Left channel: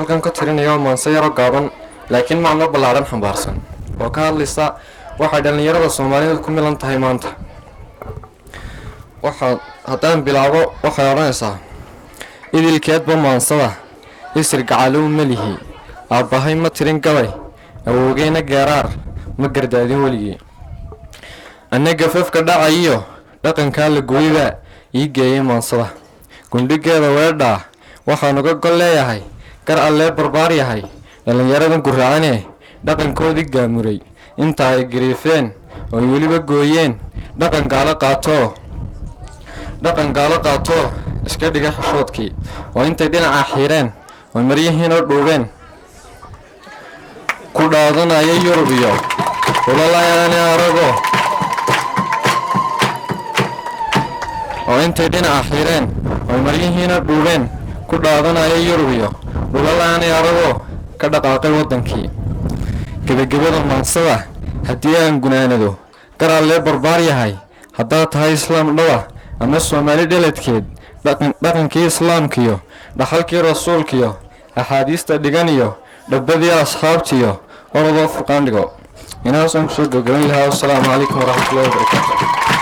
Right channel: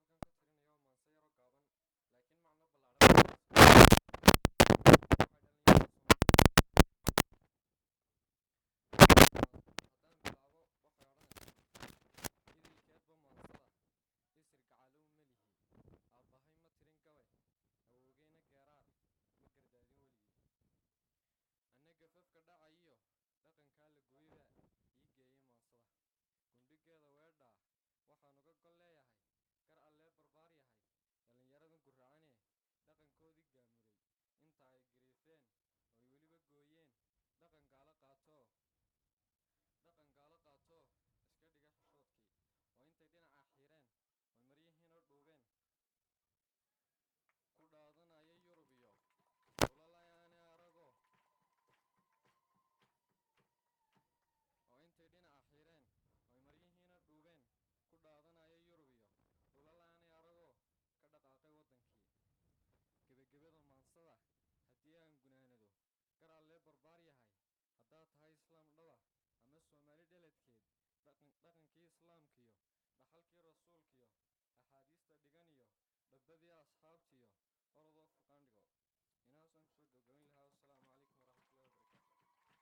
halkan ka tirinayo maanse yaro gaaban laakiin macno ballaaran xambaarsan oo ka hadlaysa waxa dhalinyarada Soomaaliyeed ku milan tahay maanta. haddaan bilaabo waxay oranaysaa idilkeedba maansada isir gacalow malihi aabbahay ma tirin gabay awowgeyna geeraar ma gardaadin weligii annaga fafka dhacayo dhaqanka la gooyba ii geeyay maansada gundhigeeda weedha waxaan uga gol leeyahay gar alle barbaar yahay dhalinyaradan guraacane dhaqankoodii gaamuray inta ay gariifeen oo weliba gooyeen dhaqan gaalo qaato iska dhiga xishoodkii oo intay dhinaca xiireen oo maryihiin oo dhuubeen ku dhaadanaya Yurub iyo walaalayaan arago oo intay dhinaca xiireen oo maryihiin oo dhuubeen ku dhaadanaya Yurub iyo walaalayaan arago ka dhaqaaqay wadankii gabagabada maansada haddii aan gunaanado gar alle barbaar yahay haddaa tahay islaam dhawa ama Soomaali dhaladkeed dhaqankii islaamkiyo dhaxalkii rasuulkiyo axaadiista dhiganiyo dhabbadii asxaabtiyo orodoo furqaan dhigo inaasan kusoo gabagaban lahaa. Assalaamu calaykum waraxmatullaahi wabarakaatuh.